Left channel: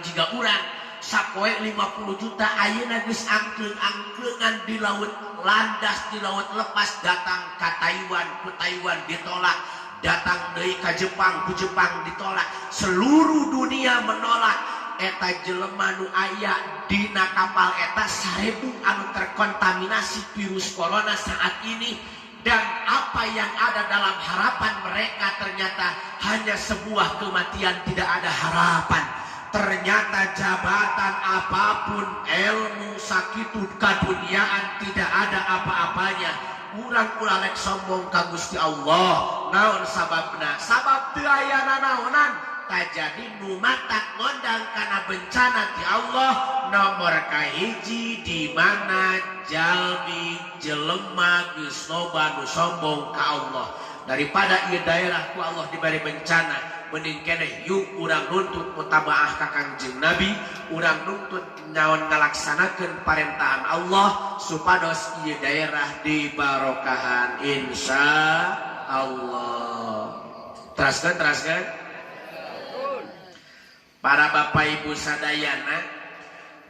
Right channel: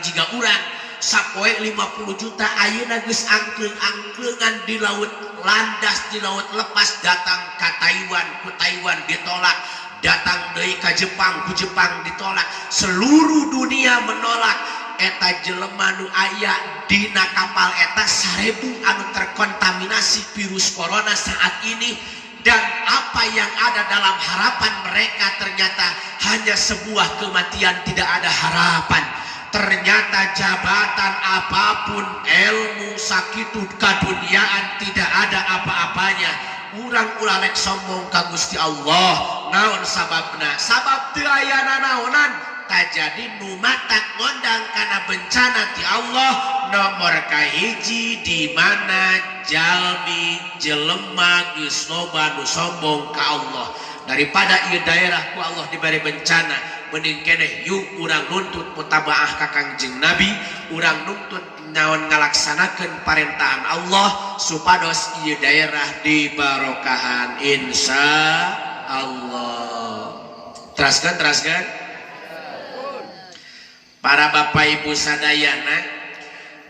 jika urang sapoe 50 juta ayeuna geus angklung-angklungan di laut landas di laut lepas datang ke Taiwan, ku Taiwan ditolak, datang deui ka Jepang, ku Jepang ditolak, seluruh dunia menolak. Eta jelema nu aya dina kapal eta 1000 anu terkontaminasi virus corona saat ini, dan apa yang ada dalam harapan mereka ternyata hanya sebuah kematian, tidak ada harapan. Ternyata jabatan apapun, ilmu sakitu kaduniaan tidak ada apa-apanya. Urang ulalek sombong ka Gusti Allah. Naon sababna? Sabab teu aya nanaonan. Tajadi nu matak ngondang kana bencana ti Allah nomor kahiji di mana jalmi jelema geus loba nu sombong ka Allah. Daripada ieu daerah ku Allah diberi bencana, mending keneh yuk urang nuntut mutabaah ka Kangjeng Nabi, urang nuntut naon ngalaksanakeun parentahan Allah supados ieu daerah dibarokahan insya Allah. Teraskan para bapak ibu sadayana,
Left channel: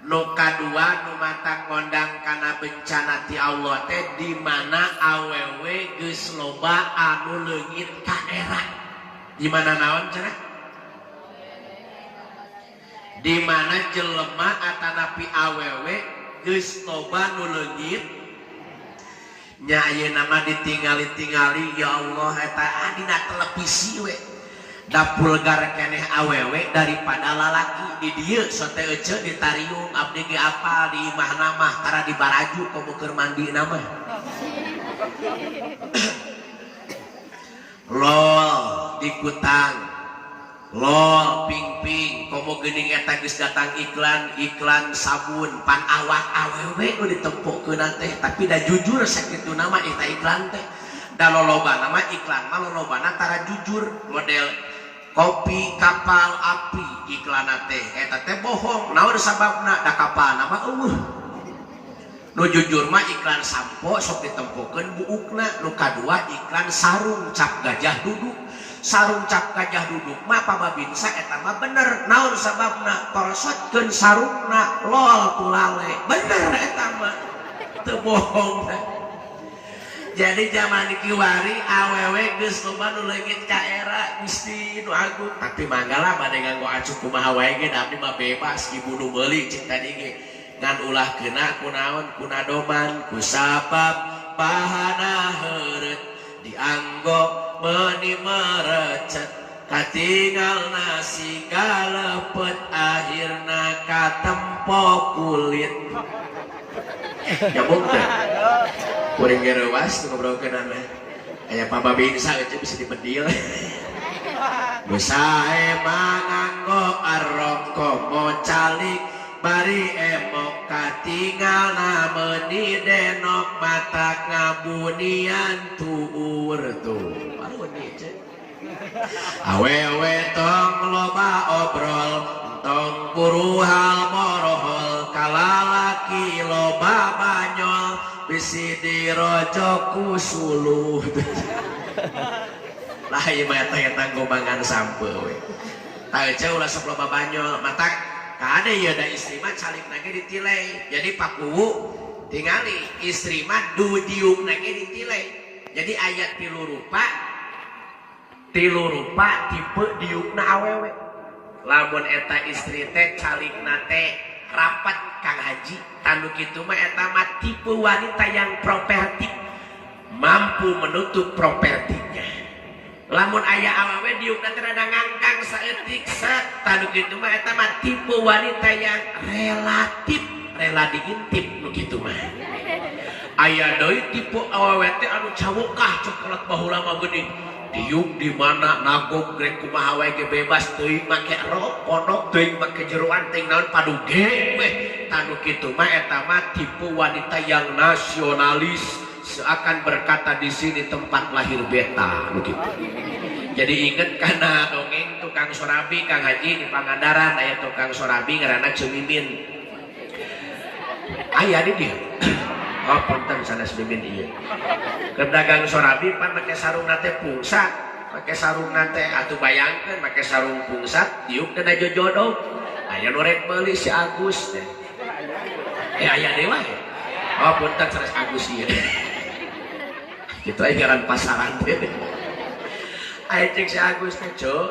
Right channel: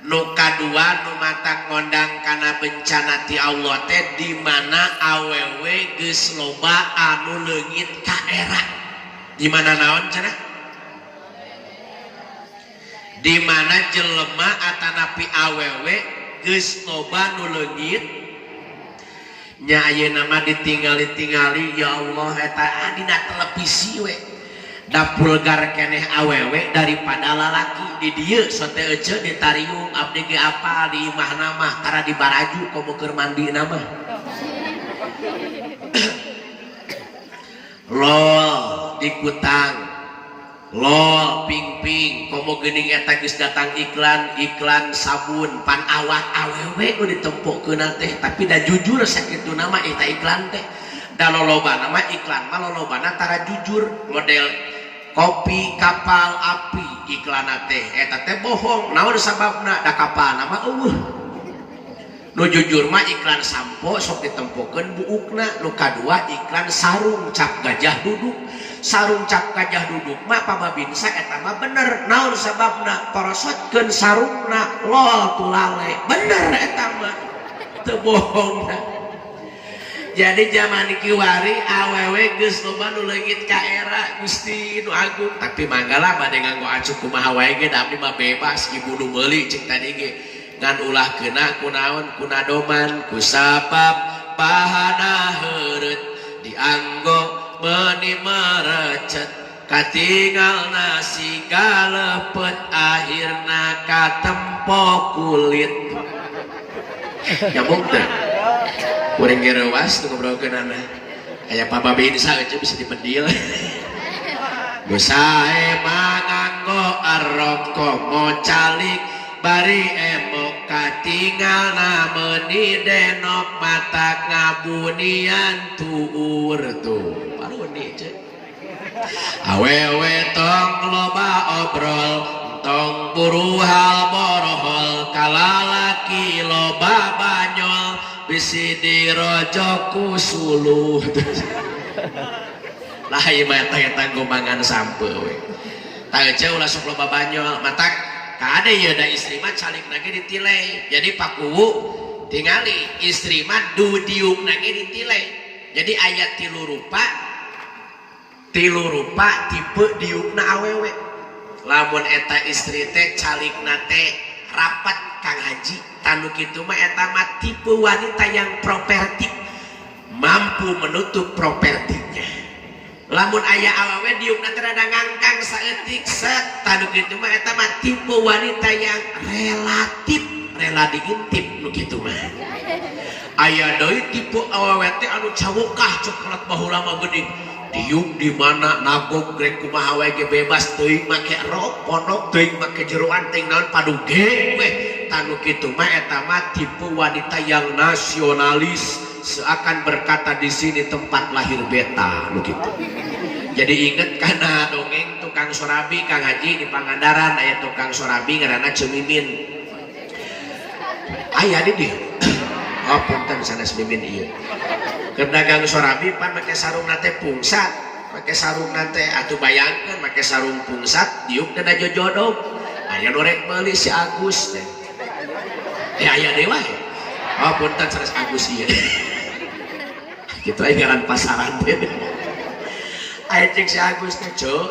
nu kadua nu matak ngondang kana bencana ti Allah teh di mana awewe geus loba anu leungit ka era. Di mana naon cenah? Di mana jelema atanapi awewe geus loba nu leungit nya ayeuna mah ditingali-tingali ya Allah eta dina televisi we. Da pulgar keneh awewe daripada lalaki di dieu sote ece ditariung abdi ge apa di imahna mah tara di baraju komo keur mandi nama lol di kutang lol ping-ping komo geuning eta geus datang iklan sabun pan awak awewe nu ditempokkeun teh tapi da jujur sakitu nama eta iklan teh da lolobana mah iklan mah lolobana tara jujur model kopi kapal api iklan teh eta teh bohong. Naon sababna? Da kapal nama eueuh nu jujur mah iklan sampo sok ditempokeun buukna. Nu kadua iklan sarung cap gajah duduk. Sarung cap gajah duduk mah pababinsa eta mah bener. Naon sababna? Porosotkeun sarungna lol tulale bener eta mah teu bohong. Jadi zaman kiwari awewe geus loba nu leungit ka era Gusti nu agung, tapi manggala bade nganggo acuh kumaha wae ge da abdi mah bebas ibu nu meuli cik tadi ge ngan ulah keuna kunaon kunadoman ku sabab bahana heureut dianggo meuni merecet katinggalna siga lepet akhirna katempo kulit nyambung teh. Kuring gerewas tuh ngobrolkeun ana. Aya pababinsa aja bisa dipendil. Busae manganggo aroko mocalik bari emok katinggalna meuni denok mata ngabunian tuur tuh. Aluni ceuk. Awewe tong loba obrol tong buru hal borohol kalalaki loba banyol bisi dirojoku suluh. Lah ieu mah eta gombangan sampeun we. Tah eueuh ulah sok loba banyol matak ka ade ieu da istri mah calikna ge ditilei. Jadi pakuwu tingali istri mah dudiukna ge ditilei. Jadi aya tilu rupa tipe diukna awewe. Lamun eta istri teh calikna teh rapat Kang Haji tanu kitu mah eta mah tipe wanita yang propertif, mampu menutup propertinya. Lamun aya awewe diukna teh rada ngangkang saeutik set tanu kitu mah eta mah tipe wanita yang rela diintip nu kitu mah. Aya deui tipe awewe teh anu cawokah coklat baheula mah geuning diuk di mana nagog grek kumaha wae ge bebas teuing make rok pondok teuing make jeroan teh naon paduge we tanu kitu mah eta mah tipe wanita yang nasionalis seakan berkata di sini tempat lahir beta begitu. Jadi inget kana dongeng tukang sorabi Kang Haji di Pangandaran aya tukang sorabi ngaranna Cemimin aya di dieu. Oh punten sanes mimin ieu. Keur dagang sorabi pan make sarung nate pungsat, make sarung nate atuh bayangkeun make sarung pungsat diuk dana jojodog. aya norek meuli si Agus teh aya dewa ya oh punten sanes Agus ieu kitu aya ngaran pasangan teh aya cek si Agus teh cuk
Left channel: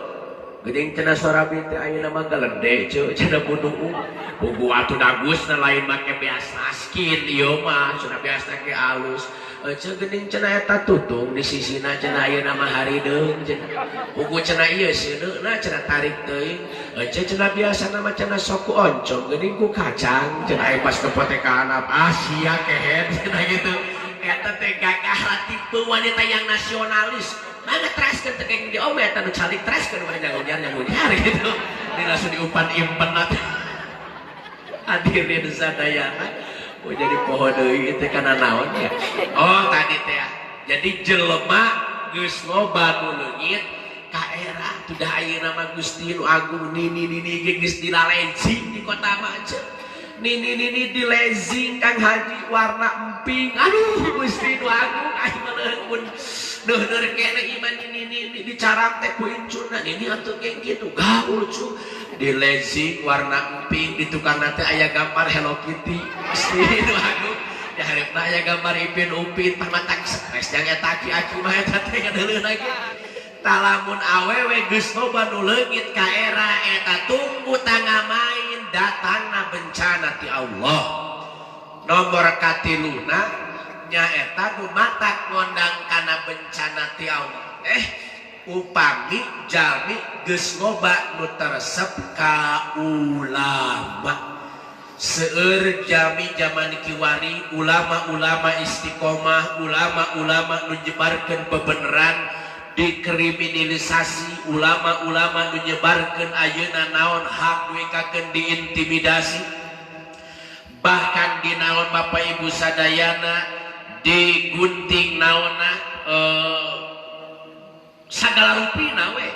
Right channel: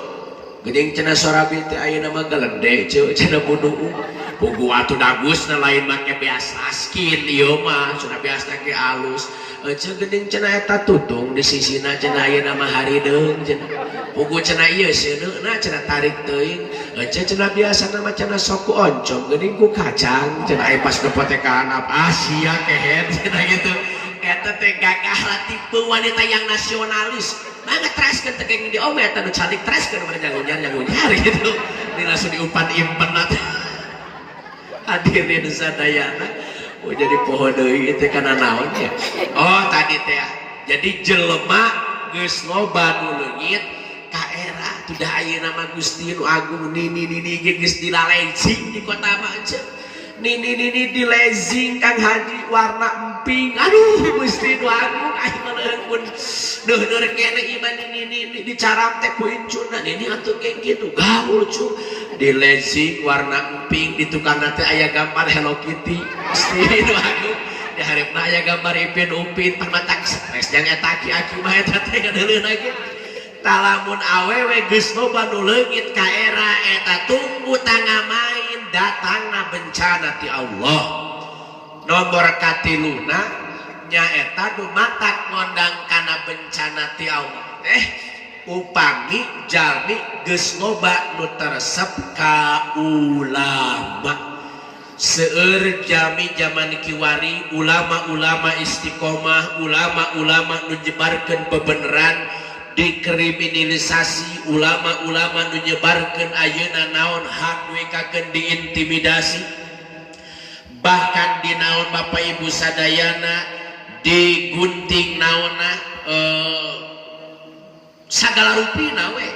geuning cenah Sorabi teh ayeuna mah geledek cuk cenah bunuh pugu atuh Agus na lain make beas laskin ieu mah sudah beas teh alus cek geuning cenah eta tutung di sisina cenah ayeuna mah harideung cenah pugu cenah ieu seuneuna cenah tarik teuing cek cenah biasana mah cenah sok ku oncom geuning ku kacang cenah aya pas kepotekan apa sia kehet cenah gitu eta teh gagah tipe wanita yang nasionalis nah ngetraskeun teh geng di om eta nu cantik traskeun mah nyangunyar gitu ini langsung diumpan-impan mah hadirin sadayana oh jadi pohon deui itu kana naon ya oh tadi teh jadi jelema geus loba nu leungit ka era tudah ayeuna mah Gusti nu agung nini geus dilalezing di kota mah aja nini dilezing Kang Haji warna emping aduh Gusti nu agung aya meureun duh kene iman nini dicarap teh ku incuna nini atuh kayak gitu gaul cu dilezing warna emping di tukang teh aya gambar Hello Kitty Gusti nu agung di hareupeuna aya gambar Ipin Upin pamatak stres jang eta aki-aki mah eta teh gadeuleun lagi talamun awewe geus loba nu leungit ka era eta tunggu tangga main datangna bencana ti Allah nomor katiluna nyaeta nu matak ngondang kana bencana ti Allah upami jalmi geus loba nu teresep ka ulama seueur jami zaman kiwari ulama-ulama istiqomah ulama-ulama nu nyebarkeun bebeneran dikriminalisasi ulama-ulama nu nyebarkeun ayeuna naon hak wekakeun diintimidasi bahkan di naon Bapak Ibu sadayana digunting naonna sagala rupi nawe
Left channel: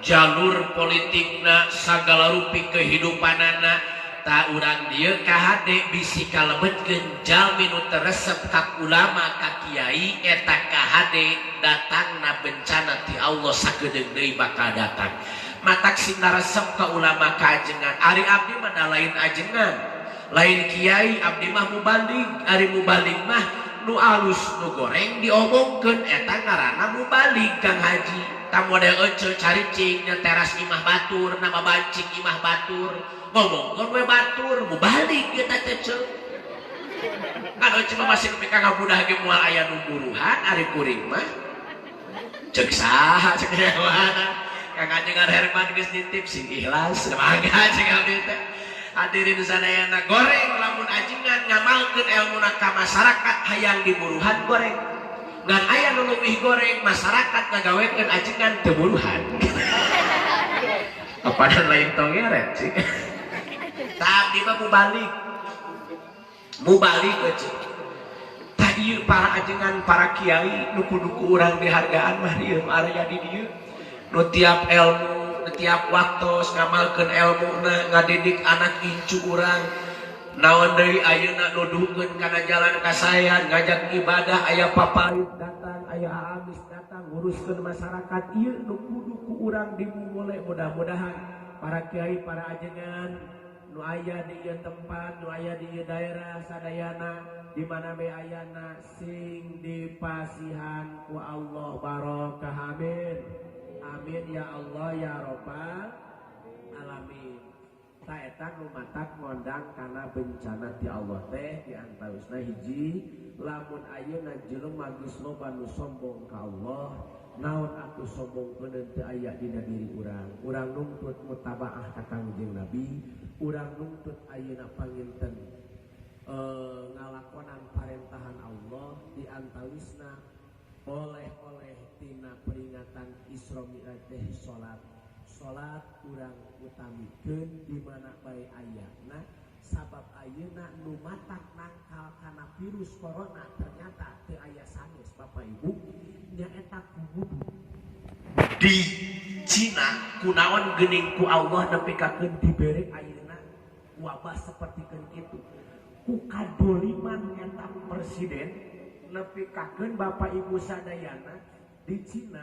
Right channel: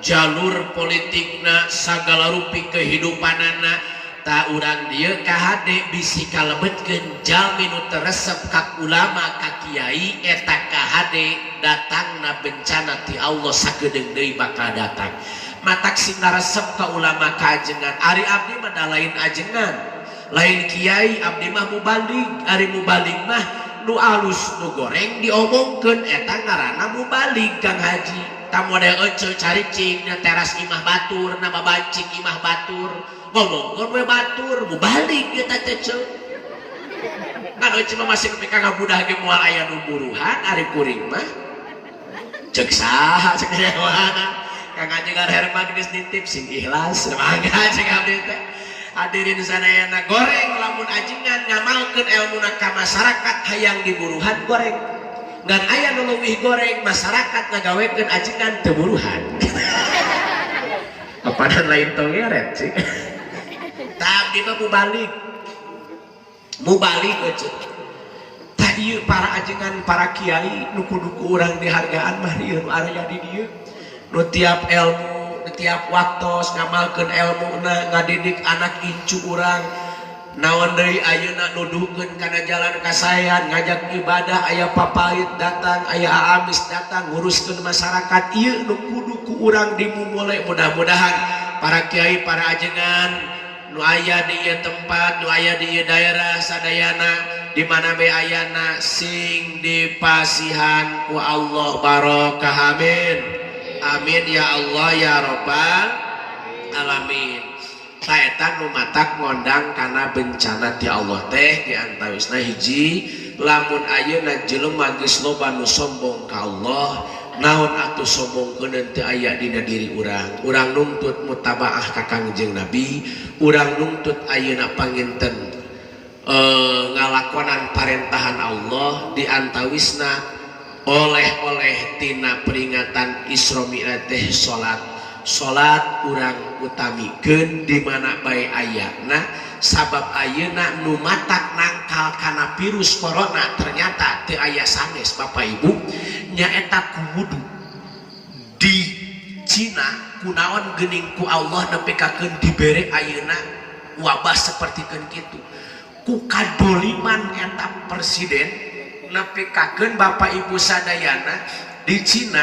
jalur politikna sagala rupi kehidupanana tak urang dieu kahade bisi kalebetkeun jalmi nu teresep ka ulama ka kiai eta kahade datangna bencana ti Allah sakedeung deui bakal datang matak sing ngaresep ka ulama ka ajengan ari abdi mah da lain ajengan lain kiai abdi mah mubalig ari mubalig mah nu alus nu goreng diomongkeun eta ngaranna mubalig Kang Haji ta model ece caricing nya teras imah batur nama bancing imah batur ngomongkeun we batur mubalig eta teh ceuk kan ece mah masih pika ngabudah ge moal aya nu buruhan ari kuring mah ceuk saha ceuk dewana Kang Haji Herman geus nitip sing ikhlas mangga ceuk abdi teh hadirin sadayana goreng lamun ajengan ngamalkeun elmuna ka masyarakat hayang diburuhan goreng ngan aya nu leuwih goreng masyarakat ngagawekeun ajengan teu buruhan padan lain tongeret sih tapi mah mubalik aja tadi para ajengan para kiai nu kudu ku urang dihargaan mah ieu area di dieu nu tiap ilmu tiap waktu ngamalkeun elmuna ngadidik anak incu urang naon deui ayeuna nuduhkeun kana jalan kasayan ngajak ibadah aya papait datang aya aamis datang nguruskeun masyarakat ieu nu kudu ku urang dimulai mudah-mudahan para kiai para ajengan nu aya di ieu tempat nu aya di ieu daerah sadayana di mana be ayana sing dipasihan ku Allah barokah amin amin ya Allah ya Rabbal alamin saetan nu matak ngondang kana bencana ti Allah teh di antawisna hiji lamun ayeuna jelema geus loba nu sombong ka Allah naon atuh sombongkeun teu aya dina diri urang nuntut mutabaah ka Kangjeng Nabi urang nuntut ayeuna panginten ngalakonan parentahan Allah di antawisna oleh tina peringatan Isra Mi'raj teh salat urang utamikeun di mana bae ayana sabab ayeuna nu matak nangkal kana virus corona ternyata teu aya sanes Bapak Ibu nyaeta kudu di Cina kunaon geuning ku Allah nepikakeun dibere ayeuna wabah sapertikeun kitu ku kadoliman eta presiden nepikakeun Bapak Ibu sadayana di Cina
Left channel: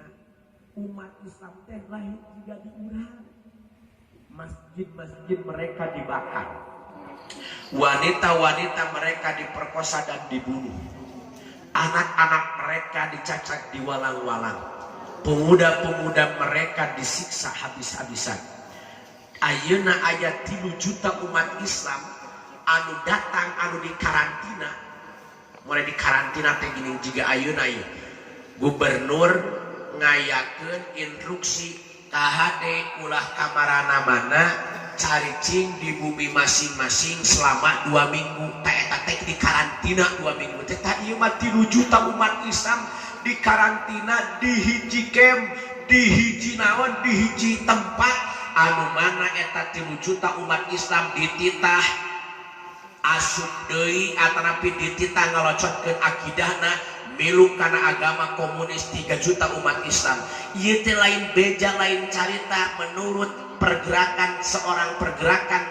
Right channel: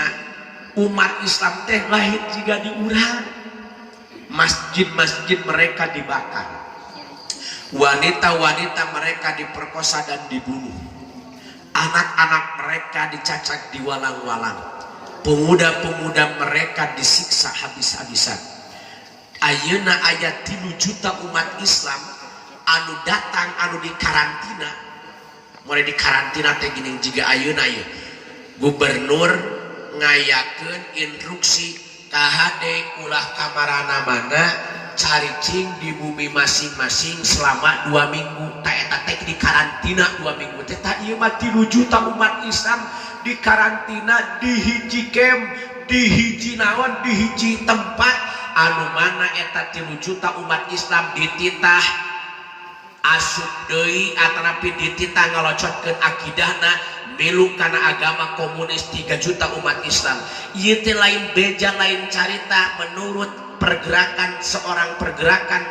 umat Islam teh lahir jiga di urang masjid-masjid mereka dibakar, wanita-wanita mereka diperkosa dan dibunuh, anak-anak mereka dicacat diwalang-walang, pemuda-pemuda mereka disiksa habis-habisan. Ayeuna aya 3 juta umat Islam anu datang anu dikarantina. Mulai dikarantina teh gini juga ayeuna ieu. Gubernur ngayakeun instruksi KHD ulah kamarana mana caricing di bumi masing-masing selama 2 minggu. Ta eta teh dikarantina 2 minggu teh tah ieu mah 3 juta umat Islam dikarantina di hiji camp, di hiji naon, di hiji tempat anu mana eta 3 juta umat Islam dititah asup deui atanapi dititah ngalocotkeun akidahna milu kana agama komunis 3 juta umat Islam. Ieu teh lain beja lain carita menurut seorang pergerakan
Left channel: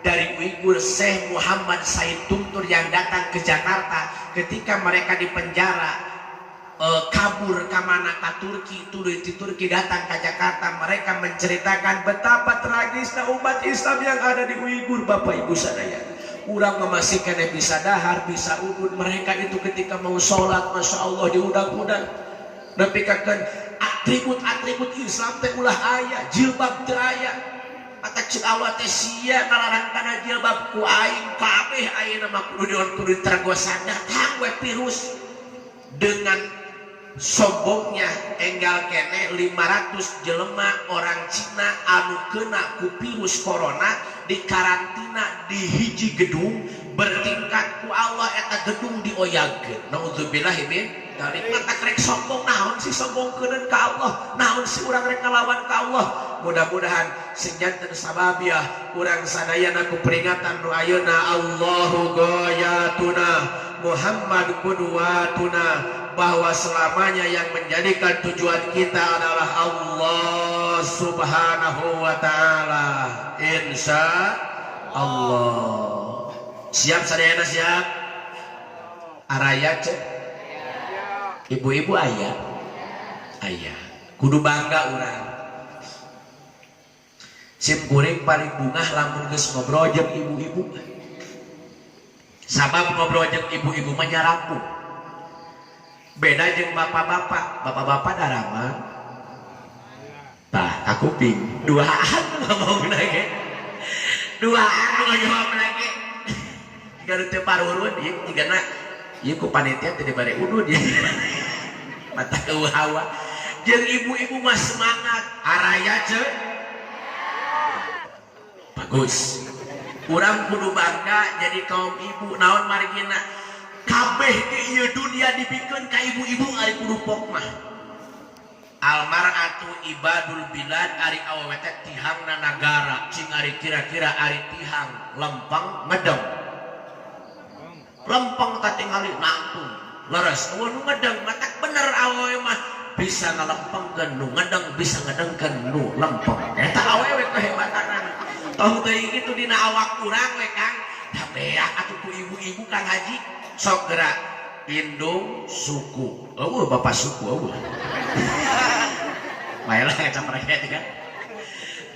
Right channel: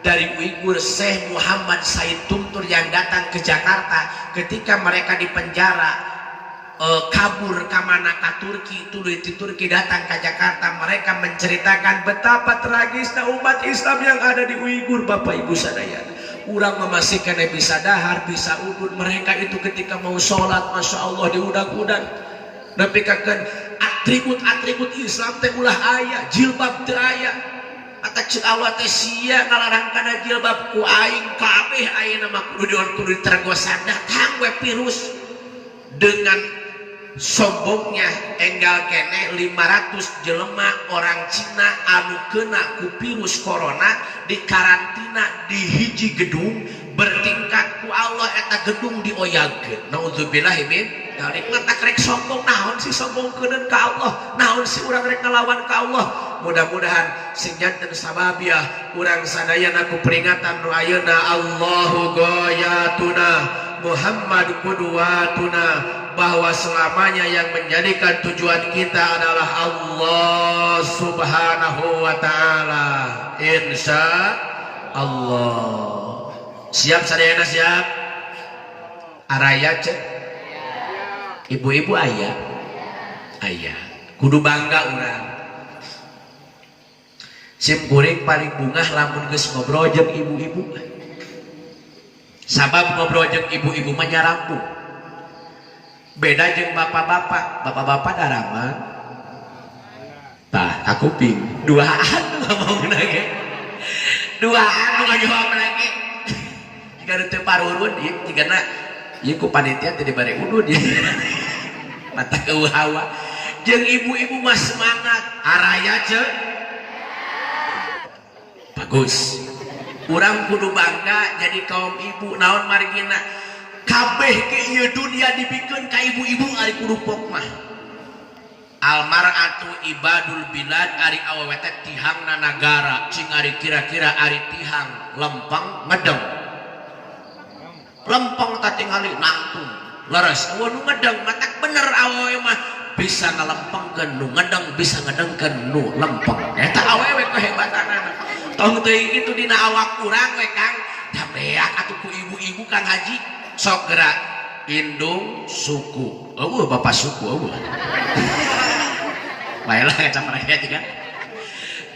dari Uighur Syekh Muhammad Said Tumtur yang datang ke Jakarta ketika mereka di penjara kabur ke mana ke Turki, tuluy di Turki datang ke Jakarta. Mereka menceritakan betapa tragisnya umat Islam yang ada di Uighur. Bapak Ibu sadaya, urang memastikan bisa dahar, bisa udun. Mereka itu ketika mau sholat, Masya Allah diudang-udang. Nepikakan atribut-atribut Islam teh ulah aya, jilbab teu aya. Kata cek awat teh sia ngalarang kana jilbab ku aing kabeh ayeuna mah kudu tergosan datang we virus dengan sombongnya enggal kene 500 jelema orang Cina anu kena ku virus corona dikarantina di hiji gedung bertingkat ku Allah eta gedung dioyagkeun. Nauzubillahi min dzalik. Ngatak rek sombong naon si sombong keun ka Allah, naon si urang rek ngalawan ka Allah. Mudah-mudahan sinjanten sababiah urang sadayana ku peringatan nu ayeuna Allahu ghayatuna Muhammad qudwatuna, bahwa selamanya yang menjadikan tujuan kita adalah Allah Subhanahu wa ta'ala. Insya Allah. Siap sadayana siap? Araya cek? Ibu-ibu ayah? Ayah. Kudu bangga urang. Sim kuring paling bungah lamun geus ngobrol jeung ibu-ibu. Sabab ngobrol jeung ibu-ibu mah nyarampung. Beda jeung bapak-bapak. Bapak-bapak darama. Tah, aku ping duaan ngomong lagi. Duaan ngajawab lagi. Jika teu parurun ieu tigana ieu ku panitia teh dibare udud ieu. Mata keuhawa. Jeung ibu-ibu mah semangat. Araya ceuk. Bagus. Urang kudu bangga jadi kaum ibu. Naon margina kabeh ke ieu dunia dibikeun ka ibu-ibu ari kudu pok mah. Almar'atu ibadul bilad ari awewe teh tihangna nagara, cing ari kira-kira ari tihang lempeng ngedeng. Lempeng teh tingali nangtung. Leres awewe nu ngedeng matak bener awewe mah bisa ngalempengkeun nu ngedeng, bisa ngedengkeun nu lempeng. Eta awewe kehebatanna. Tong teuing itu dina awak urang we Kang. Dabeak atuh ku ibu-ibu Kang Haji. Sok gerak indung suku. Eueuh bapak suku eueuh. Baiklah kacang mereka juga.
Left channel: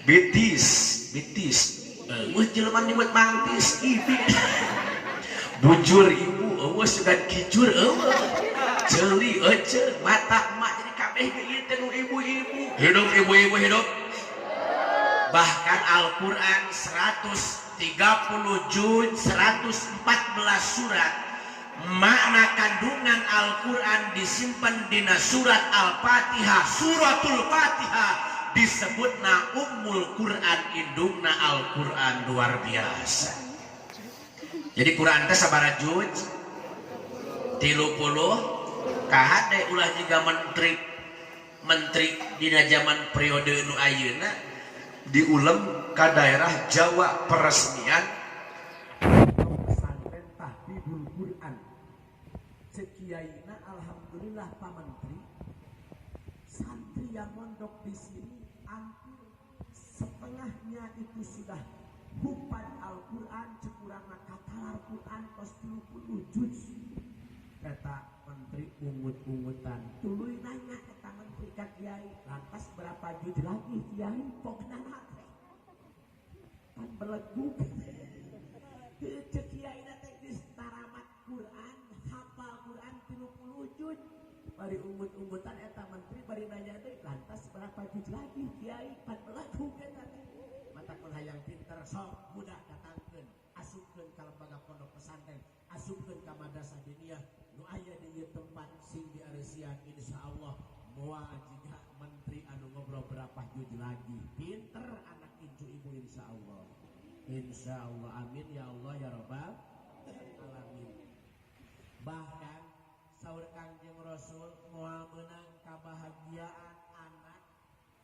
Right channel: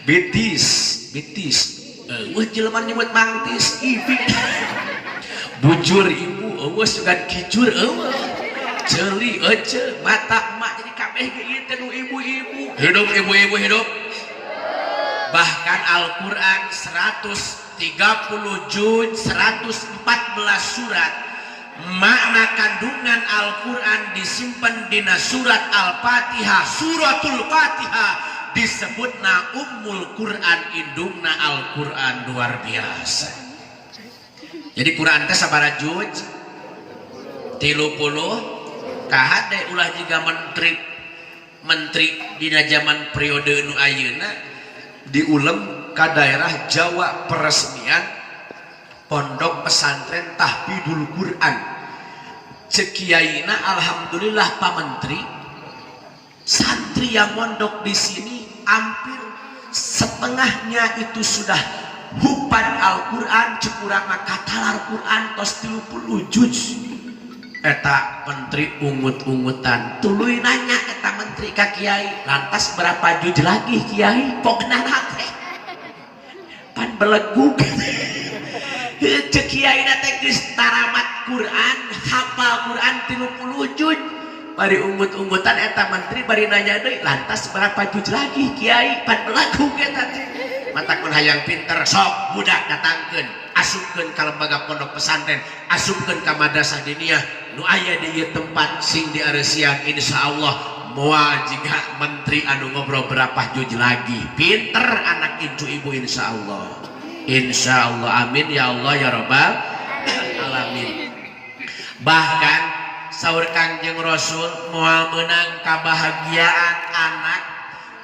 Bitis. Eueuh jelema nyebut mangtis ibi. Bujur ibu eueuh sugan kijur eueuh. Ceuli ece mata emak jadi kabeh ge ieu teh ibu-ibu. Hidup ibu-ibu hidup. Bahkan Al-Quran 130 juz 114 surat. Makna kandungan Al-Quran disimpan dina surat Al-Fatihah. Suratul Fatihah disebutna Ummul Quran, indungna Al-Quran. Luar biasa. Jadi Quran teh sabaraha juz? 30. KHD ulah juga menteri dina zaman periode nu ayeuna diulem ke daerah Jawa peresmian pondok pesantren Tahfidul Quran. Cekiaina alhamdulillah Pak Menteri, santri yang mondok di sini hampir setengahnya itu sudah hufal Al-Quran, cekurang katalar Quran tos 30 juz. Eta menteri ungut-ungutan tuluy nanya eta menteri ka kiai, lantas berapa juz lagi kiai pokna nate belegug cek kiai teh geus taramat Quran hafal Quran 30 juz bari ungut-ungutan eta menteri bari nanya deui lantas berapa juz lagi kiai pan belegug eta teh matakun hayang pinter sok budak datangkeun asupkeun ka lembaga pondok pesantren asupkeun ka madrasah diniyah nu aya di ieu tempat sing diareusian insyaallah moal jika menteri anu ngobrol berapa juz lagi pinter anak itu ibu insyaallah amin ya Allah ya rabbal alamin. Bahkan saur Kangjeng Rasul moal meunang kabahagiaan anak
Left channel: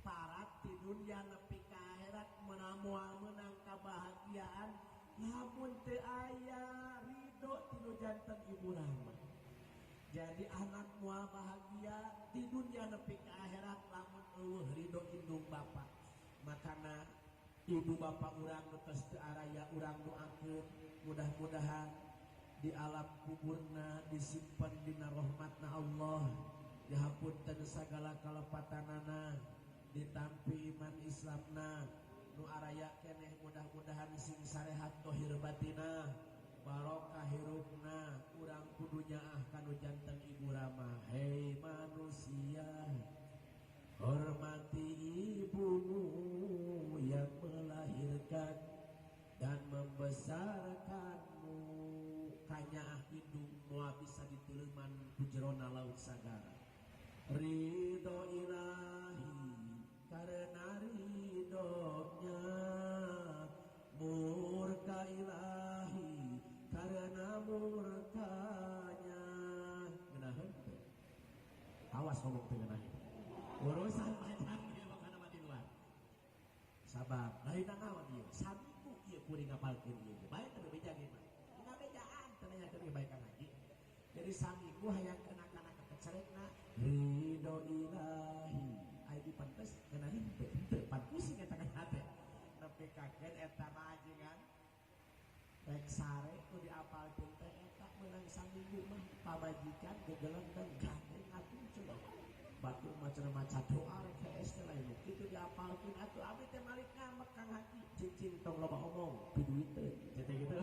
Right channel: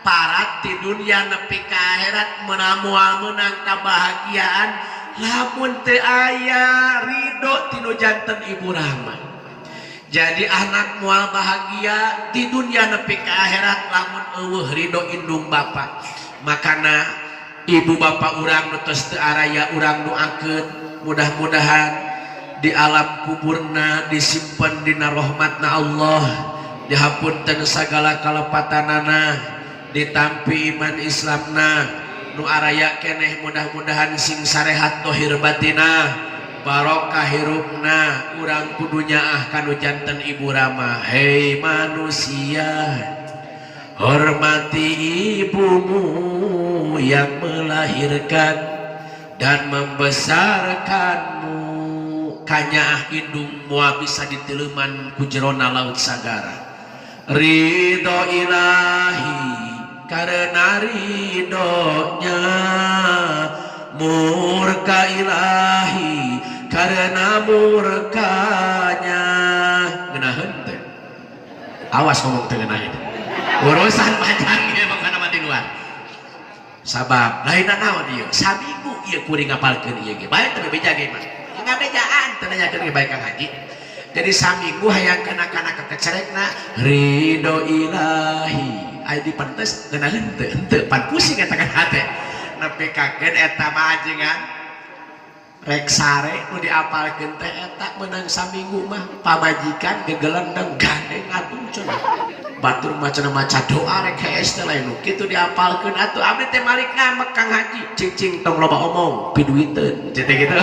parat di dunia nepi ka akhirat moal meunang kabahagiaan lamun teu aya ridho tinu janten ibu rahmat. Jadi anak moal bahagia di dunia nepi ka akhirat lamun eueuh ridho indung bapa. Makana ibu bapak urang nu tos teu araya urang doakeun mudah-mudahan di alam kuburna disimpen dina rahmatna Allah, dihapunten sagala kalepatanana, ditampi iman Islamna, nu araya keneh mudah-mudahan sing sarehat dohir batina, barokah hirupna, urang kudunya kanu janten ibu Rama. Hei manusia, hormati ibumu yang melahirkan dan membesarkanmu. Kanyaah indung moal bisa diteleuman ku jerona laut sagara. Ridho ilahi karena ridhonya, murka ilahi karena murkanya. Ngeunaheun teh. Awas ngomong teu ngeunaheun. Urusan panjang ieu makana mati luar. Sabab lain naon ieu? Sabigu ieu kuring ngapalkeun ieu ge. Bae teu beja ge mah. Ngabejaan teu nanyakeun bae Kang Haji. Jadi saminggu hayang kana-kana kekecerekna ridho ilahi. Aya dipantes ngeunaheun teu? Henteu pan pusing eta kan hate. Nepi kakeun eta mah ajengan rek sare nu diapalkeun teh eta meunang saminggu mah pamajikan gegelendeng gandeng atuh cenah. Batur macana maca doa rek hees teh lain nu kitu diapalkeun atuh abdi teh malik ngamek Kang Haji cing tong loba omong piduiteun teh gitu.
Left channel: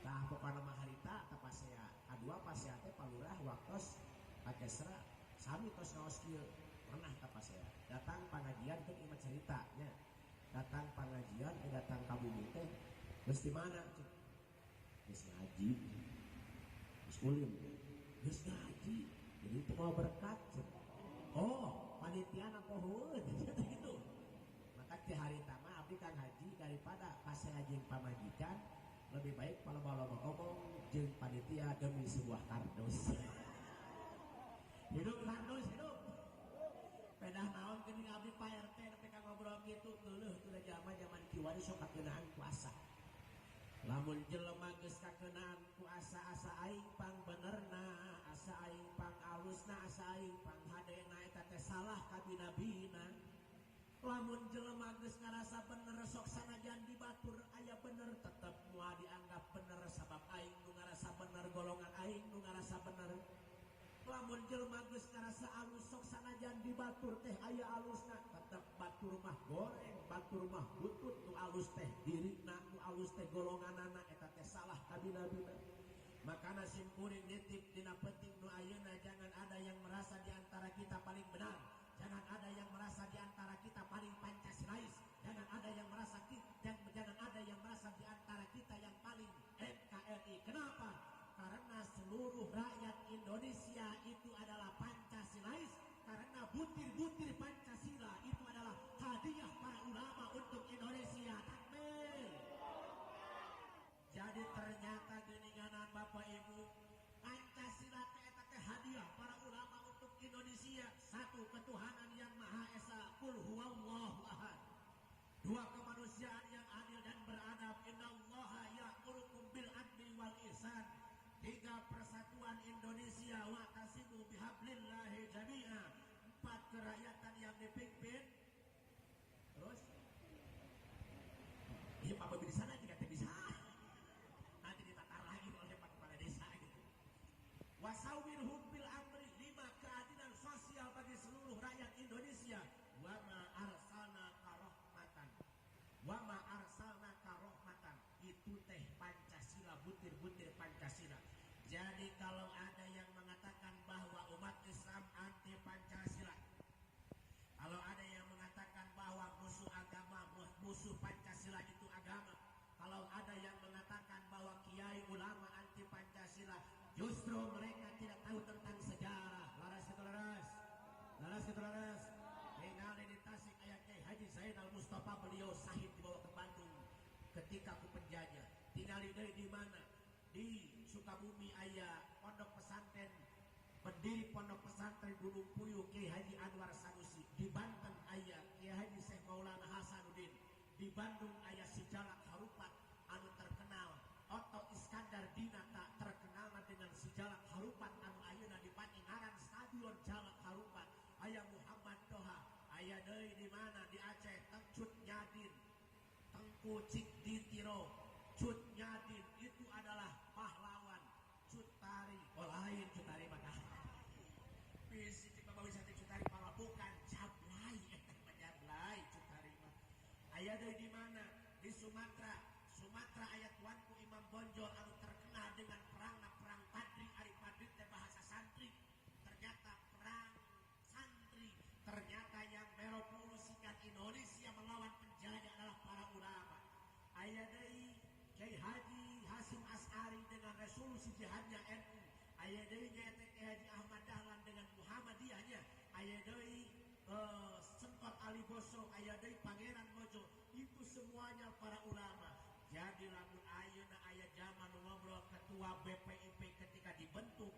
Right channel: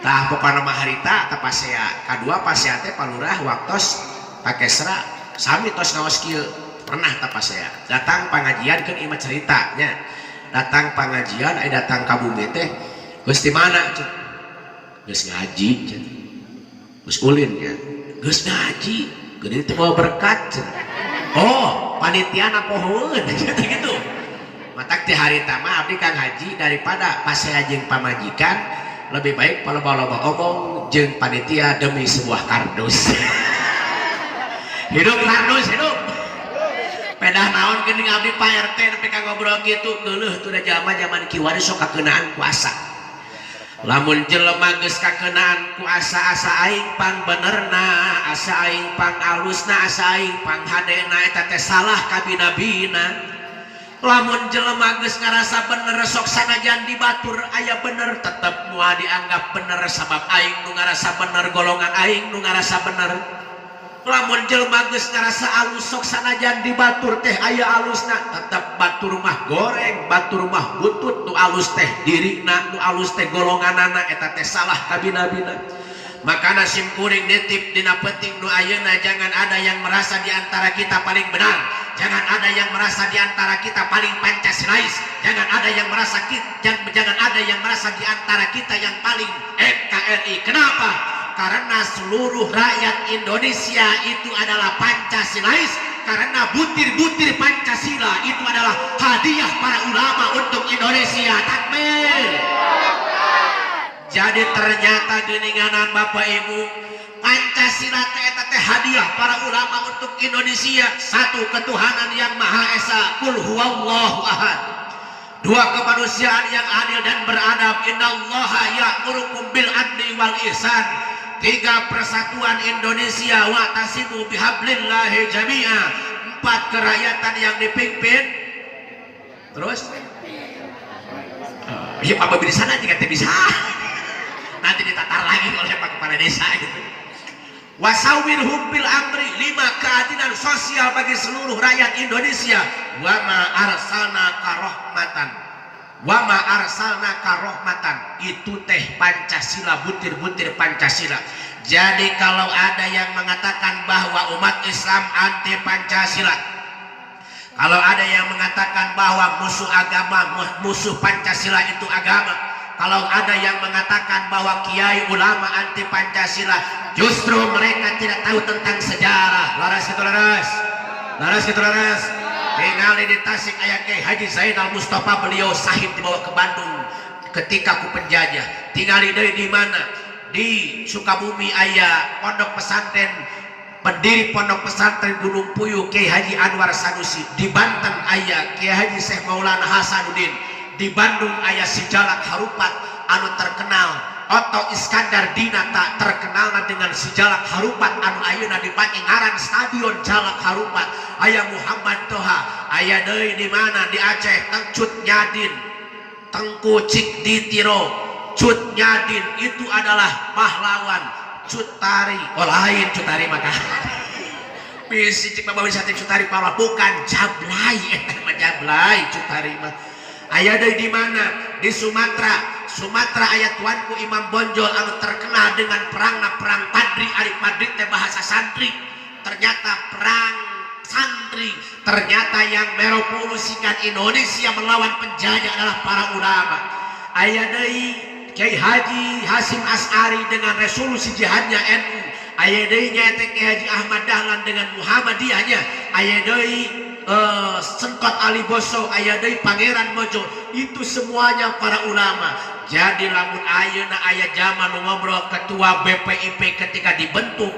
Tah pokona mah harita teh pasea kadua pasea teh palurah waktos pake serak sami tos ngaos kieu pernah teh pasea datang pangajian keun imah cerita nya datang pangajian aya datang ka bumi teh geus di mana cenah geus ngaji cenah geus ulin nya geus ngaji geuning teh mau berkat cenah oh panitiana pohoeun gitu matak teh harita mah abdi Kang Haji daripada pasea jeung pamajikan lebih baik loba-loba omong jeung panitia demi sebuah kardus. Hidup kardus hidup. Pedah naon geuning abdi Pak RT nepi ka ngobrol kitu geuleuh teu da zaman kiwari sok kakeunaan kuasa. Lamun jelema geus kakeunaan kuasa asa aing pang benerna, asa aing pang alusna, asa aing pang hadena eta teh salah ka bina-bina. Lamun jelema geus ngarasa bener sok sanajan dibatur aya bener tetep moal dianggap bener sabab aing nu ngarasa bener golongan aing nu ngarasa bener. Lamun jelema geus ngarasa alus sok sanajan dibatur teh aya alusna tetep batur mah goreng, batur mah butut nu alus teh dirina nu alus teh golonganana eta teh salah ka bina-bina. Makana sim kuring nitip dina penting nu ayeuna jangan ada yang merasa di antara kita paling benar. Jangan ada yang merasa di antara kita paling Pancasilais. Jangan ada yang merasa jangan ada yang merasa di antara kita yang paling NKRI. Kenapa? Karena seluruh rakyat Indonesia itu adalah Pancasilais. Karena butir-butir Pancasila itu adalah hadiah para ulama untuk Indonesia. Takbir. Jadi ternyata geuninganan Bapak Ibu, Pancasila eta teh hadiah para ulama untuk Indonesia. Satu, ketuhanan yang Maha Esa, Qul huwallahu ahad. Dua, kemanusiaan yang adil dan beradab, innallaha ya'murukum bil adli wal ihsan. Tiga, persatuan Indonesia, wa'tasimu bihablillahi jami'a. Empat, kerakyatan yang dipimpin. Terus? Ya Pak Babi di sana jika bisa. Nanti ditatar lagi oleh Pak Kepala Desa gitu. wasawirhum bil amri, 5 keadilan sosial bagi seluruh rakyat Indonesia. Wa ma arsalnaka rahmatan, wa ma arsalnaka rahmatan, itu teh Pancasila, butir-butir Pancasila. Jadi kalau ada yang mengatakan bahwa umat Islam anti Pancasila, kalau ada yang mengatakan bahwa musuh agama, musuh Pancasila itu agama, kalau ada yang mengatakan bahwa kiai ulama anti Pancasila, justru mereka tidak tahu tentang sejarah. Laras itu laras, laras itu laras. Tinggal di Tasik ayat Kiai Haji Zainal Mustafa, beliau sahid dibawa ke Bandung ketika ku penjajah. Tinggal di mana? Di Sukabumi ayah pondok pesantren, pendiri pondok pesantren Gunung Puyuh Kiai Haji Anwar Sanusi. Di Banten ayah Kiai Haji Syekh Maulana Hasanuddin. Di Bandung ayah si Jalak Harupat anu terkenal. Otto Iskandar Dinata terkenal dengan si Jalak Harupat anu ayeuna dipakai ngaran stadion Jalak Harupat. Ayah Muhammad Toha ayah deui di mana? Di Aceh Cut Nyadin, Tengku Cik Ditiro. Cut Nyadin itu adalah pahlawan. Cut Tari, oh lain Cut Tari maka bisi cik bawa wisata Cut Tari pahlawan, bukan Jablay, Jablay Cut Tari mah. Ayah di mana? Di Sumatera. Sumatera ayat tuanku Imam Bonjol anu terkenal dengan perang Padri, ari Padri teh bahasa santri. Ternyata perang santri, ternyata yang merevolusikan Indonesia melawan penjajah adalah para ulama. Ayah deui Kiai Haji Hasim As'ari dengan resolusi jihadnya NU. Ayah deui nyaeta Kiai Haji Ahmad Dahlan dengan Muhammadiyahnya. Ayah deui Sengkot Ali Boso, ayah deui Pangeran Mojo. Itu semuanya para ulama. Jadi lamun ayeuna aya zaman ngobrol ketua BPIP ketika dibentuk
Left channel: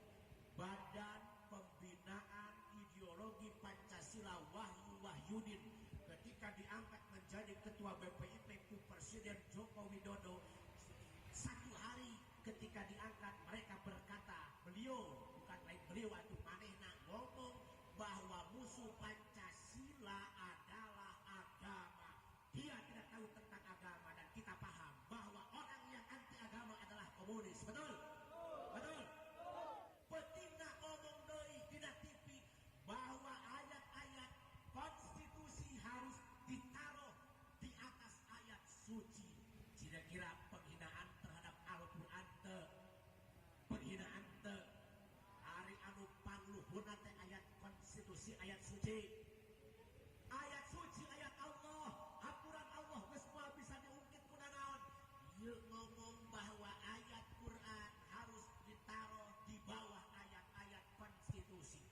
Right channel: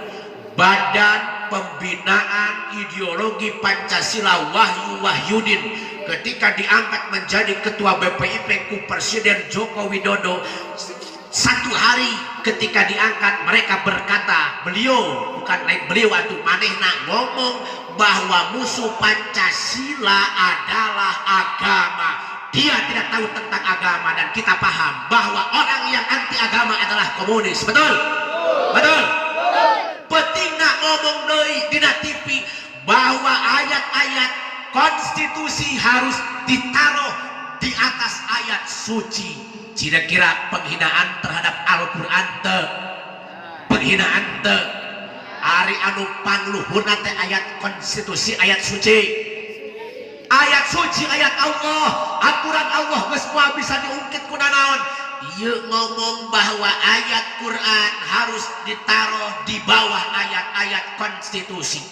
Badan Pembinaan Ideologi Pancasila Wahyu Wahyudin, ketika diangkat menjadi ketua BPIP ku Presiden Joko Widodo, satu hari ketika diangkat mereka berkata, beliau bukan lain beliau atau manehna ngomong bahwa musuh Pancasila adalah agama. Dia tidak tahu tentang agama, dan kita paham bahwa orang yang anti agama adalah komunis. Betul? Betul? Petingna ngomong deui dina TV bahwa ayat-ayat konstitusi harus ditaruh di atas ayat suci. Kira-kira penghinaan terhadap Al-Quran teu? Penghinaan teu? Ari anu pangluhurna teh ayat konstitusi, ayat suci. Ayat suci, ayat Allah, aturan Allah geus moal bisa diungkit ku nanaon. Ieu ngomong bahwa ayat Quran harus ditaruh di bawah ayat-ayat konstitusi.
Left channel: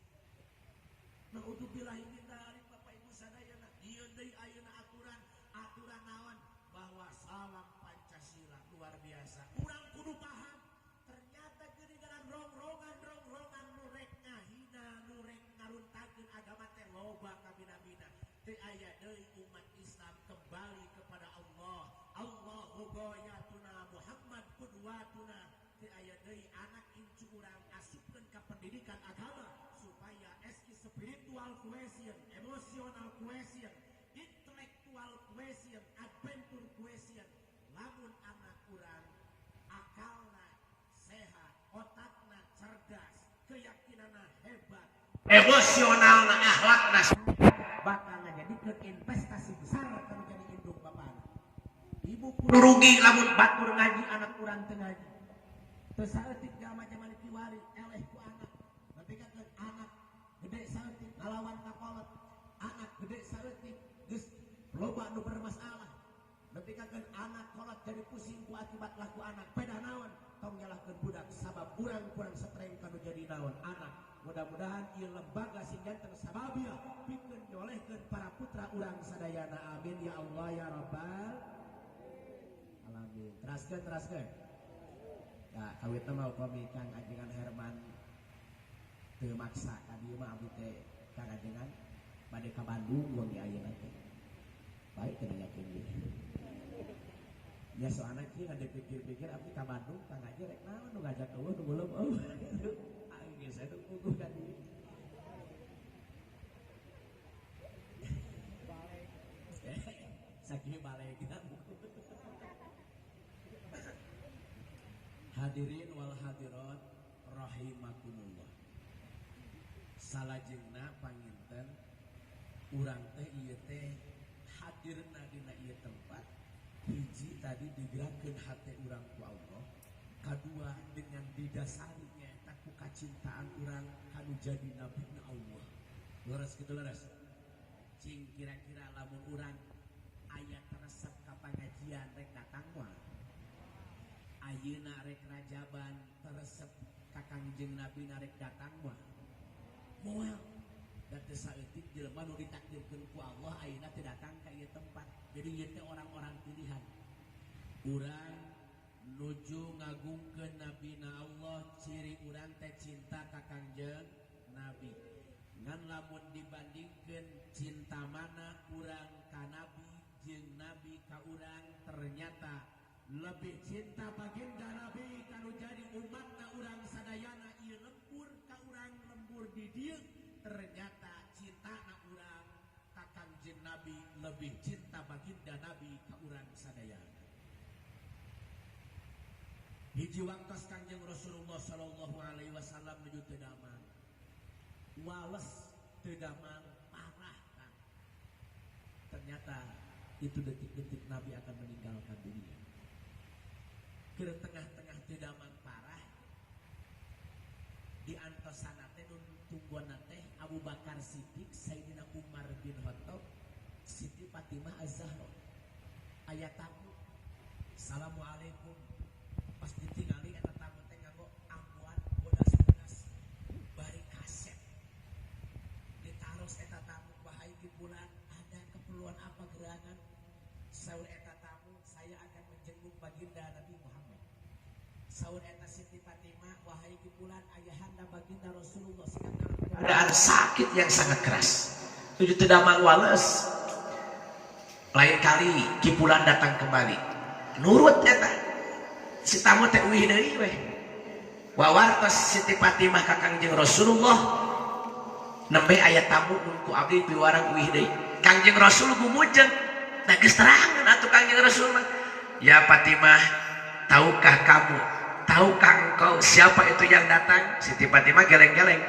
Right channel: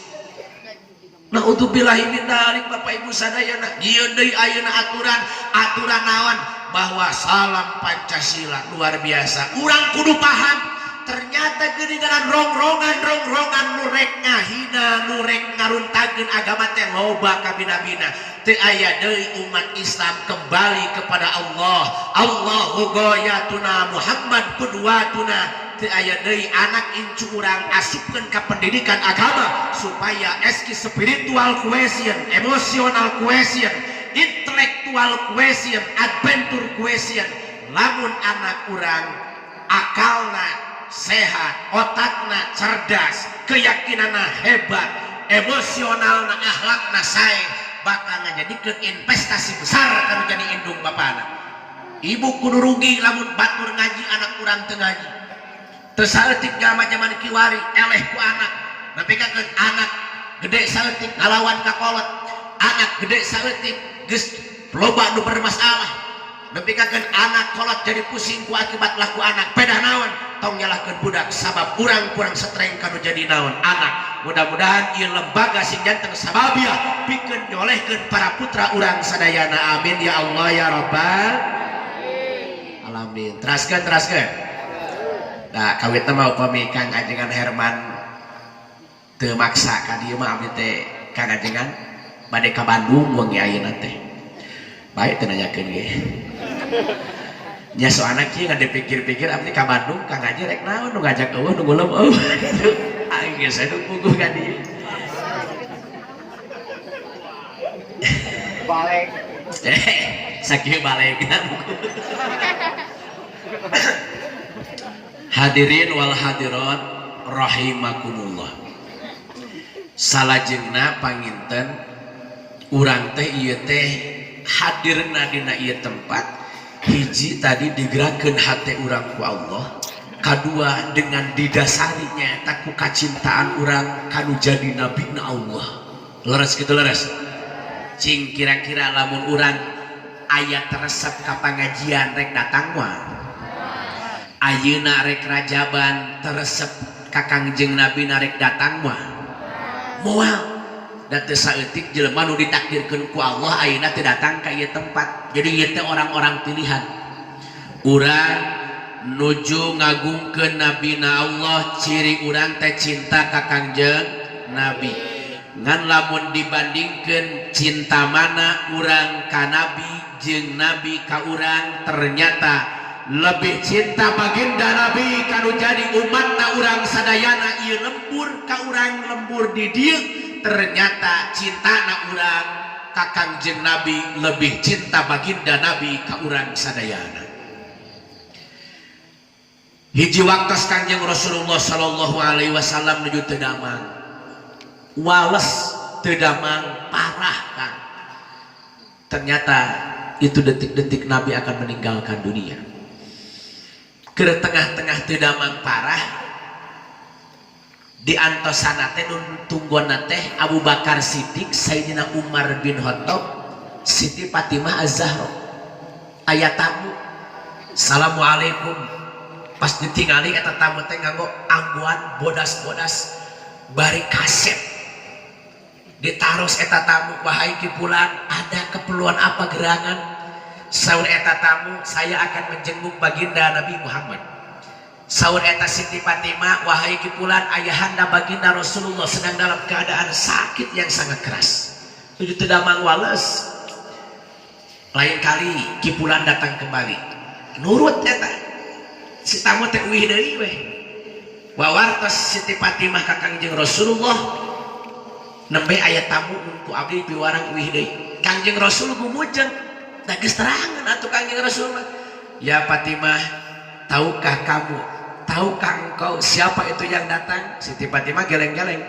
Naudzubillahi min dzalik, Bapak Ibu sadayana. Ieu deui ayeuna aturan naon? Bahwa salam Pancasila luar biasa. Urang kudu paham. Ternyata geuningan rongrongan nurek ngahina, nurek ngaruntageun agama teh loba kabina-bina. Teu aya deui umat Islam kembali kepada Allah. Allahu ghayatuna Muhammad qudwatuna. Teu aya deui anak incu urang asupkeun ka pendidikan agama supaya eski spiritual cohesion, emotional cohesion, intellectual cohesion, adventure cohesion. Lamun anak urang akalna sehat, otakna cerdas, keyakinanna hebat, emosionalna akhlakna sae, bakal ngajadikeun investasi besar kanu jadi indung bapana. Ibu kudu rugi lamun batur ngaji anak urang teu ngaji. Teu saeutik zaman kiwari eleh ku anak. Napikakeun anak gede saeutik ngalawan ka kolot. Anak gede saeutik geus loba nu bermasalah. Napikakeun anak kolot jadi pusing ku akibat laku anak. Pedah naon? Tong nyalahkeun budak sabab urang kurang setreng kanu jadi naon anak. Mudah-mudahan ieu lembaga sing janten sababiah pikeun nyolehkeun para putra urang sadayana. Amin ya Allah ya Rabbal alamin. Teraskeun. Da kawitna mah upami Kang Ajengan Herman teu maksa ka dieu mah abdi teh Kang Ajengan bade ka Bandung wengi ayeuna teh. Bae teu nanyakeun ge. Nya so anak kieu ngade pikir-pikir abdi ka Bandung Kang Haji rek naon nu ngajak eueuh nu ngulem eueuh. Aing geus anu puguh ka dieu. Balik. Sakieu balegna. Hadirin wal hadirat rahimakumullah. Salajengna panginten urang teh ieu teh hadirna dina ieu tempat hiji tadi digerakkeun hate urang ku Allah, kadua dengan didasarinya taku kacintaan urang kanu jadi nabina Allah. Leres kitu leres. Cing kira-kira lamun urang aya resep ka pangajian rek datang mah. Ayeuna rek rajaban teresep ka Kangjeng Nabi narek datang mah. Moal da teu saeutik jelema nu ditakdirkeun ku Allah ayeuna teu datang ka ieu tempat. Jadi ieu teh orang-orang pilihan. Urang nuju ngagungkeun nabina Allah, ciri urang teh cinta ka Kangjeng Nabi. Ngan lamun dibandingkeun cinta mana urang ka Nabi jeung Nabi ka urang, ternyata lebih cinta baginda Nabi kanu jadi umatna urang sadayana ieu lembur ka urang lembur di dieu. Ternyata cintana urang ka Kangjeng Nabi lebih cinta baginda Nabi ka urang sadayana. Hiji waktos Kangjeng Rasulullah sallallahu alaihi wasallam nuju teu damang. Wales teu damang parah kan. Ternyata itu detik-detik Nabi akan meninggalkan dunia. Ke tengah-tengah teu damang parah di antosana teh nun tunggona teh Abu Bakar Siddiq, Sayyidina Umar bin Khattab, Siti Fatimah Az-Zahra. Aya tamu. Assalamualaikum. Pas ditingali eta tamu teh nganggo ambuan bodas-bodas bari kaset. Ditaros eta tamu, wahai kipulan, ada keperluan apa gerangan? Saur eta tamu, saya akan menjenguk baginda Nabi Muhammad. Saur eta Siti Fatimah, wahai kipulan, ayahanda baginda Rasulullah sedang dalam keadaan sakit yang sangat keras. Tujuh tedamang wales. Lain kali kipulan datang kembali. Nurut eta. Si tamu teh uih deui we. Wawartos Siti Fatimah ka Kangjeng Rasulullah. Nembe aya tamu ku abdi piwarang uih deui. Kangjeng Rasul gumujeng. Da geus terangan atuh Kangjeng Rasul. Ya Fatimah, tahukah kamu? Tahukah engkau siapa itu yang datang? Siti Fatimah geleng-geleng.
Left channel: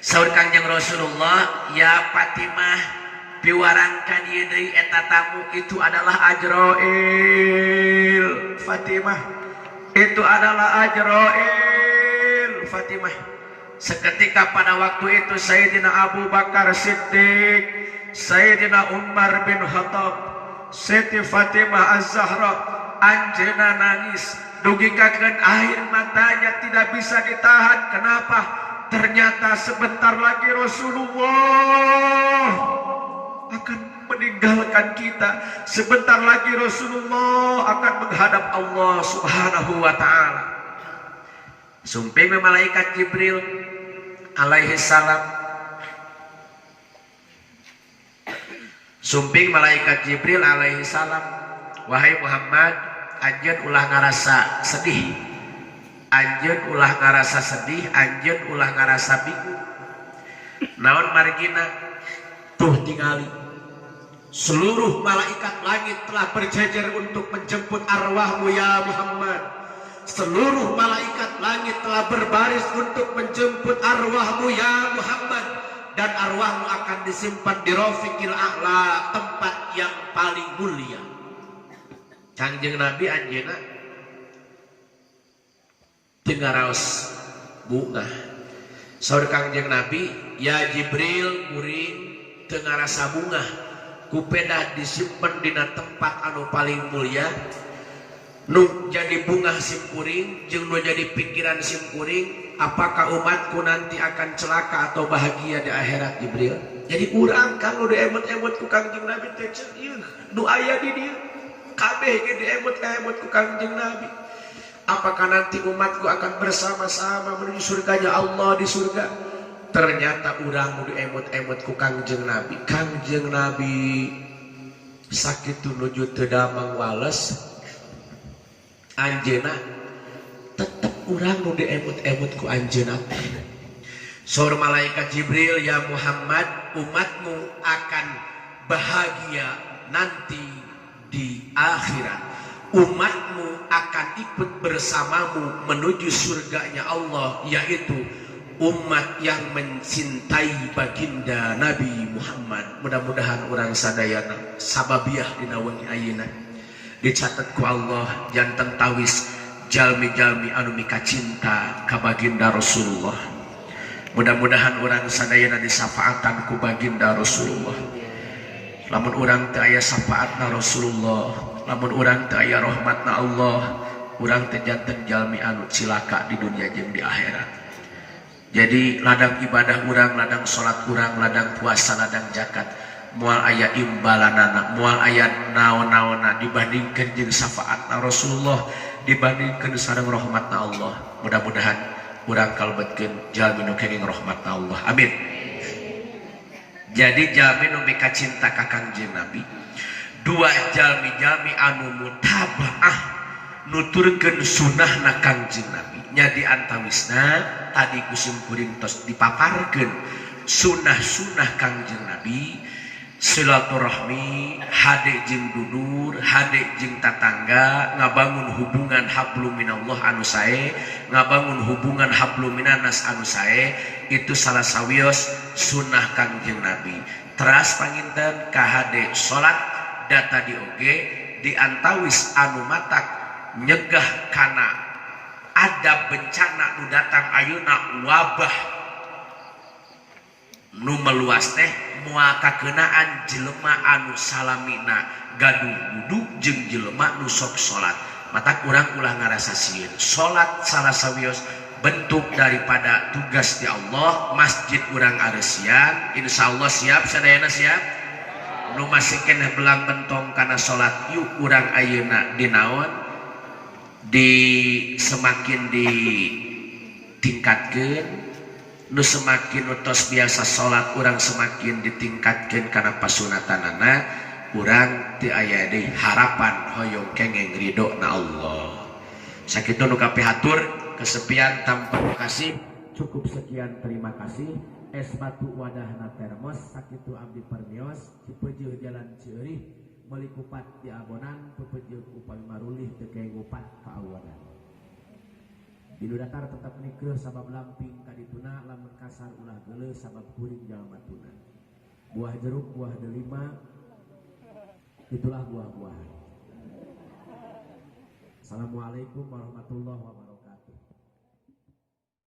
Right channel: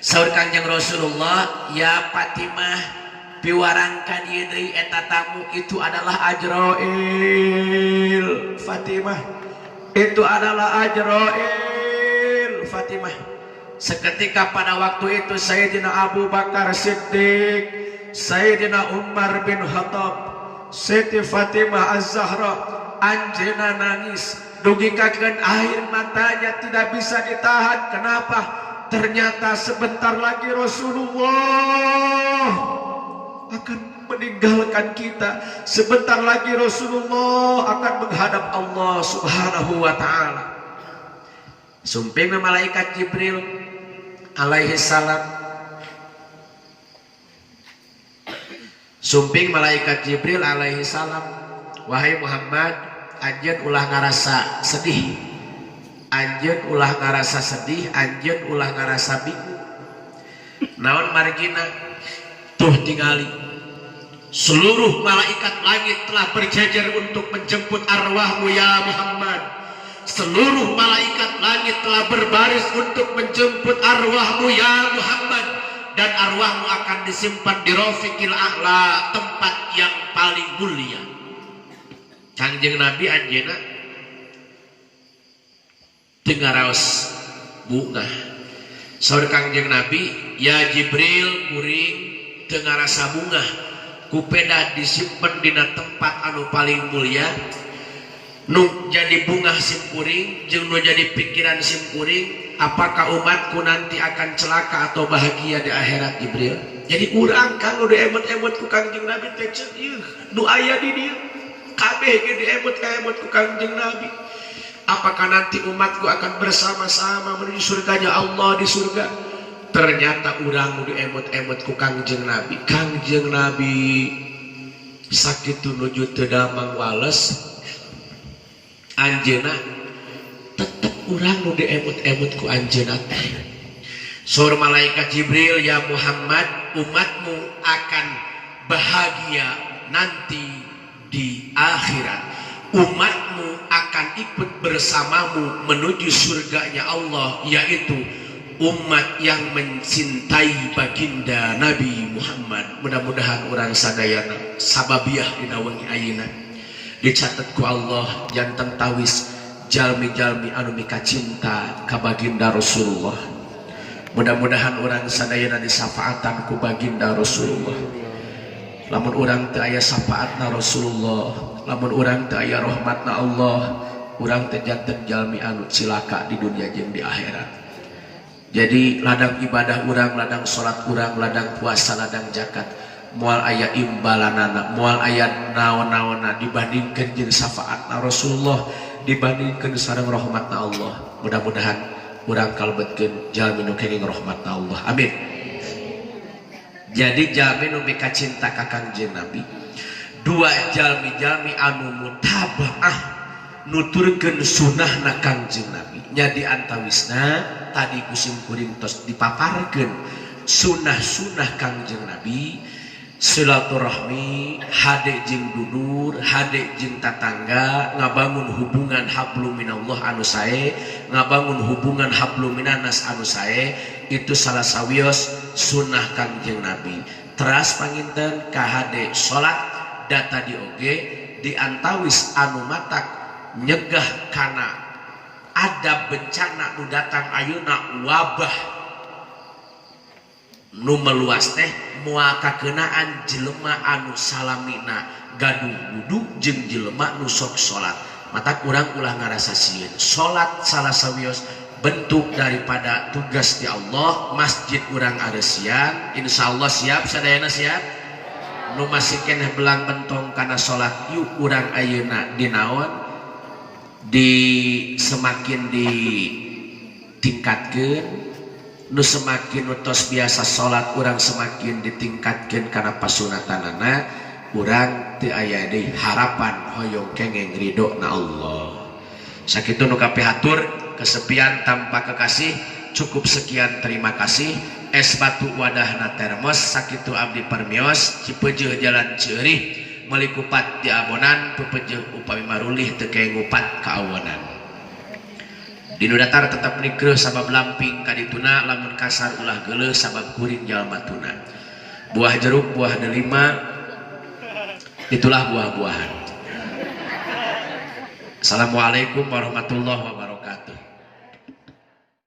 Saur Kangjeng Rasulullah, ya Fatimah, piwarangkan ieu deui eta tamu itu adalah Ajrail. Fatimah, itu adalah Ajrail. Fatimah. Seketika pada waktu itu Sayyidina Abu Bakar Siddiq, Sayyidina Umar bin Khattab, Siti Fatimah Az-Zahra, anjeunna nangis, dugikakeun air matanya tidak bisa ditahan. Kenapa? Ternyata sebentar lagi Rasulullah akan meninggalkan kita. Sebentar lagi Rasulullah akan menghadap Allah Subhanahu wa ta'ala. Sumping malaikat Jibril alaihi salam. Sumping malaikat Jibril alaihi salam, wahai Muhammad, anjeun ulah ngarasa sedih, anjeun ulah ngarasa sedih, anjeun ulah ngarasa bingung. Naon margina? Tuh tingali, seluruh malaikat langit telah berjajar untuk menjemput arwahmu ya Muhammad. Seluruh malaikat langit telah berbaris untuk menjemput arwahmu ya Muhammad. Dan arwahmu akan disimpan di Rafiqil A'la, tempat yang paling mulia. Kangjeng Nabi anjeunna teu ngaraos bunga. Saur Kangjeng Nabi, ya Jibril kuring teu ngarasa bunga. Kupeda disimpen dina tempat anu paling mulia. Nu jadi bunga simkuring jeung nu jadi pikiran simkuring, apakah umatku nanti akan celaka atau bahagia di akhirat Jibril? Jadi urang kan udah emot-emot ku Kangjeng Nabi teh ceuk ieu nu aya di dieu kabeh ge diemot ka emot ku Kangjeng Nabi. Apakah nanti umatku akan bersama-sama menuju surganya Allah di surga? Ternyata urang nu diemot-emot ku Kangjeng Nabi. Kangjeng Nabi sakitu nuju teu damang wales. Anjeuna tetep urang nu diemut-emut ku anjeuna teh. Saur malaikat Jibril, ya Muhammad, umatmu akan bahagia nanti di akhirat. umatmu akan ikut bersamamu menuju surganya Allah, yaitu umat yang mencintai baginda Nabi Muhammad. Mudah-mudahan orang sadayana sababiah dina wengi ayeuna dicatat ku Allah janten tawis jalmi-jalmi anu mika cinta ka baginda Rasulullah. Mudah-mudahan orang sadayana disafaatan ku baginda Rasulullah. Lamun orang teu aya syafaatna Rasulullah, lamun orang teu aya rahmatna Allah, orang teu janten jalmi anu cilaka di dunia jeung di akhirat. Jadi ladang ibadah orang, ladang salat orang, ladang puasa, ladang zakat, moal aya imbalanana, moal aya naon-naonna dibandingkeun jeung syafaatna Rasulullah, dibandingkeun sareng rahmatna Allah. Mudah-mudahan urang kalebetkeun jalmi nu kenging rahmatna Allah. Amin. Jadi jalmi nu mika cinta ka Kangjeng Nabi, dua jalmi-jalmi anu mutabaah nuturkeun sunnahna Kangjeng Nabi. Nya di antawisna tadi kusim kuring tos dipaparkeun sunnah-sunnah Kangjeng Nabi, silaturahmi, hade jeung dulur, hade jeung tatangga, ngabangun hubungan hablum minallah anu sae, ngabangun hubungan hablum minanas anu sae, itu salah sawios sunnah Kangjeng Nabi. Teras panginten ka hade salat data di oge di antawis anu matak nyegah kana ada bencana nu datang ayeuna wabah nu meluas teh moal kakeunaan jelema anu salamina gaduh wudu jeung jelema nu sok salat. Mata urang ulah ngarasa sieun salat salah sawios bentuk daripada tugas di Allah. Masjid urang areusian insyaallah siap sadayana siap. Nu masih keneh belang bentong kana salat yuk urang ayeuna dinaon di semakin ditingkatkeun, nu semakin utos biasa salat urang semakin ditingkatkeun kana pasunatanana, urang teu aya deui harapan hoyong kengeng ridona Allah. Sakitu nu kapihatur kesepian tanpa kekasih, cukup sekian, terima kasih. Es batu wadahna termos, sakitu abdi permios Cipeujeul Jalan Ceurih meuli kupat di abonan, pepeujeul upami marulih teu kae ngupat ka awonan. Dinu datar tetap nikreuh sabab lamping kadituna, lamun kasar ulah geuleuh sabab kuring jalma tuna. Buah jeruk, buah delima, itulah buah-buahan. Assalamualaikum warahmatullahi wabarakatuh.